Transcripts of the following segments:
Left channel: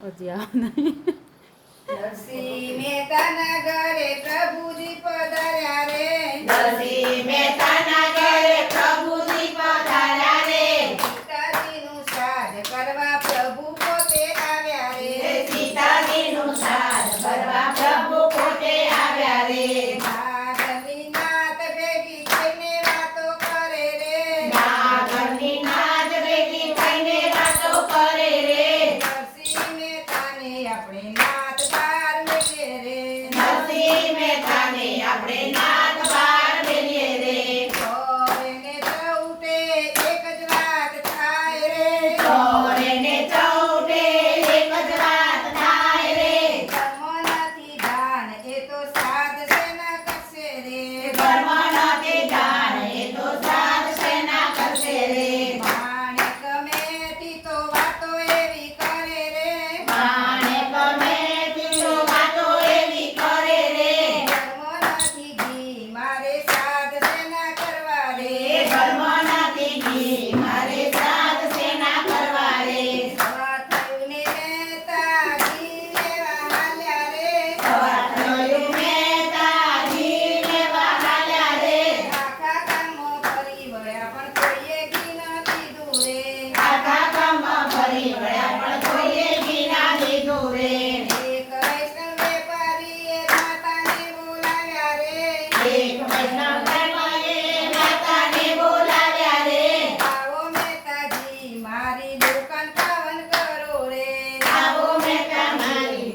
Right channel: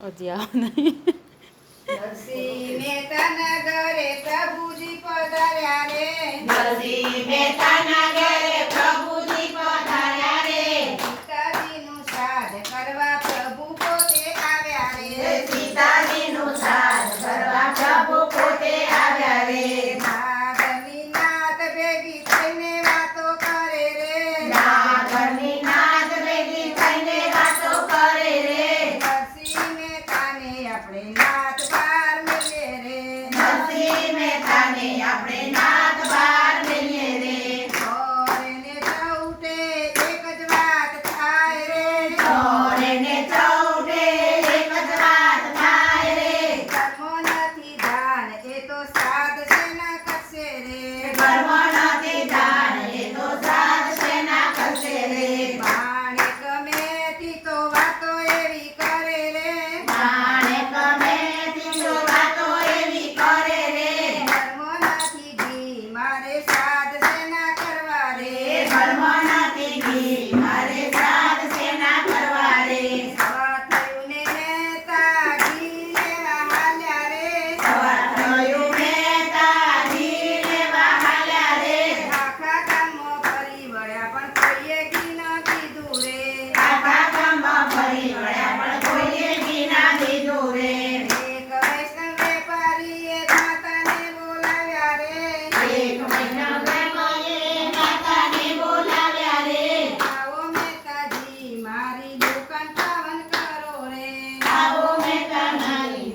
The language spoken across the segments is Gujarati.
હજી આવ નહીં. નરસિંહ મહેતાના ઘરે પ્રભુજી પધાર્યા રે. નરસિંહ મહેતાના ઘરે પ્રભુજી પધાર્યા રે. સીતાજીનું શ્રાદ્ધ કરવા પ્રભુ પોતે આવ્યા રે. સીતાજીનું શ્રાદ્ધ કરવા પ્રભુ પોતે આવ્યા રે. નાગની નાત ભેગી થઈને વાતો કરે રે. નાગની નાદ ભેગી થઈને વાતો કરે રે. નરસિંહ મહેતાને આપણે નાત બાર મેલીએ રે. નરસિંહ મહેતાને આપણે નાથ બાર મેલીએ રે. ચોરેને ચૌટે એક જ વાત થાય રે. ચોરે ને ચૌટે એક જ વાત થાય રે. કર્મ નથી દાન એ તો સાધ સેના કરશે રે. કર્મ નથી દાન એ તો સાધ સેના કરશે રે. માણેક મેથી તો વાતો એવી કરે રે. માણે ગમે તીનો વાતો એવી કરે રે. કર્મ નથી ઘી મારે સાધ સેના કરવા રે. કર્મ નથી ઘી મારે સાધ સેના કરવા રે. સવાર થયું ને મહેતા ઘી લેવા હાલ્યા રે. સવાર થયું મહેતા ઘી લેવા હાલ્યા રે. આખા ગામમાં ફરી વળ્યા પણ કોઈએ ઘી ન દીધું રે. આખા ગામમાં ફરી વળ્યા પણ કોઈએ ઘી ના દીધું રે. એક વૈષ્ણવ વેપારીએ માતાને બોલાવ્યા રે. એક વૈષ્ણવ વેપારીએ માતાને બોલાવ્યા રે. આવો મહેતાજી મારી દુકાન પાવન કરો રે. આવો મહેતા મારી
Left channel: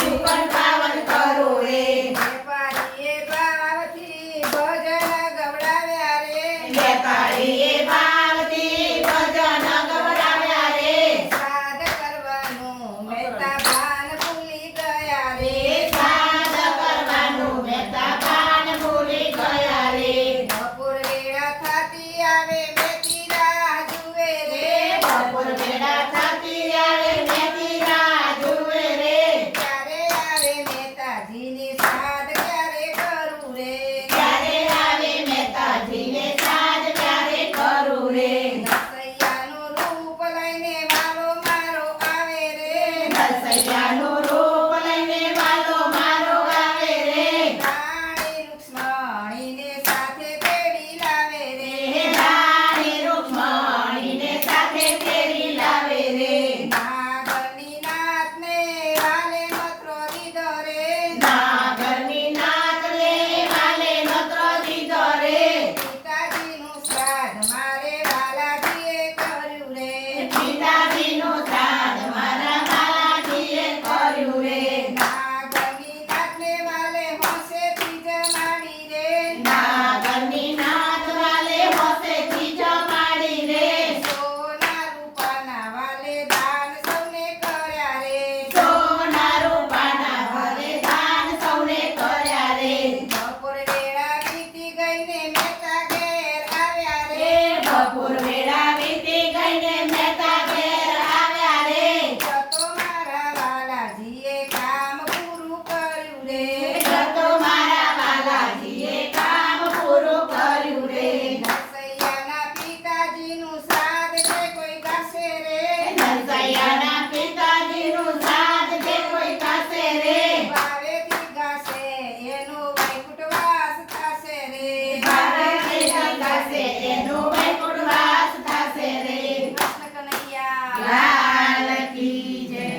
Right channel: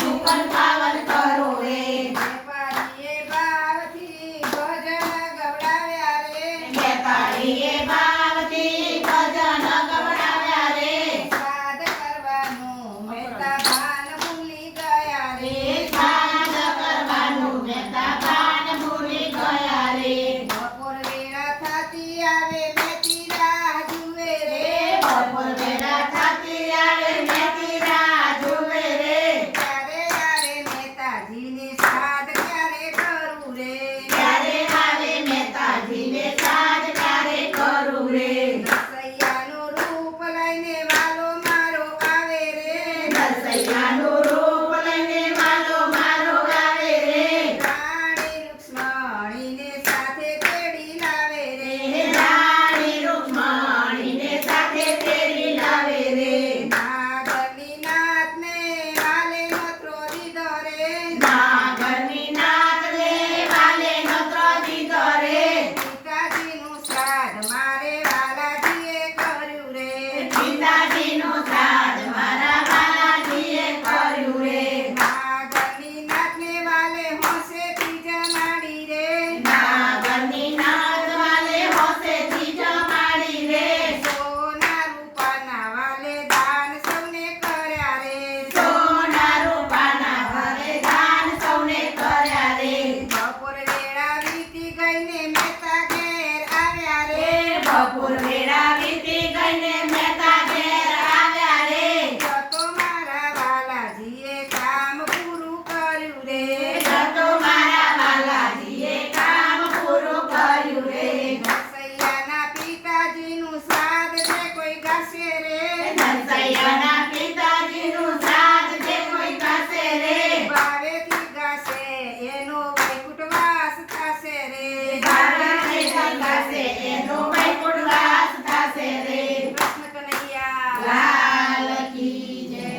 દુકાન પાવન કરો રે. વેપારીએ ભાવથી ભજન ગવડાવ્યા રે. વેપારીએ ભાવથી ભજન ગવડાવ્યા રે. શ્રાદ્ધ કરવાનું મહેતા ભાન ભૂલી ગયા રે. શ્રાદ્ધ કરવાનું મહેતા ભાન ભૂલી ગયા રે. બપોર વેળા થાતી આવે મેથી રાહ જુએ રે. બપોર વેળા થતી આવે મેથી રાહ જુએ રે. ક્યારે આવે મહેતાજીને શ્રાદ્ધ ક્યારે કરું રે. ક્યારે આવે મહેતાજીને સાજ ક્યારે કરું રે. નરસૈયાનું રૂપ લઈને વાલો મારો આવે રે. નરસૈયાનું રૂપ લઈને વાલો મારો આવે રે. રાણી રૂક્ષ્મણીને સાથે તેડી લાવે રે. રાણી રૂક્ષ્મણીને સાથે તેડી લાવે રે. નાગની નાથને વાલે મથરો દીધો રે. નાગની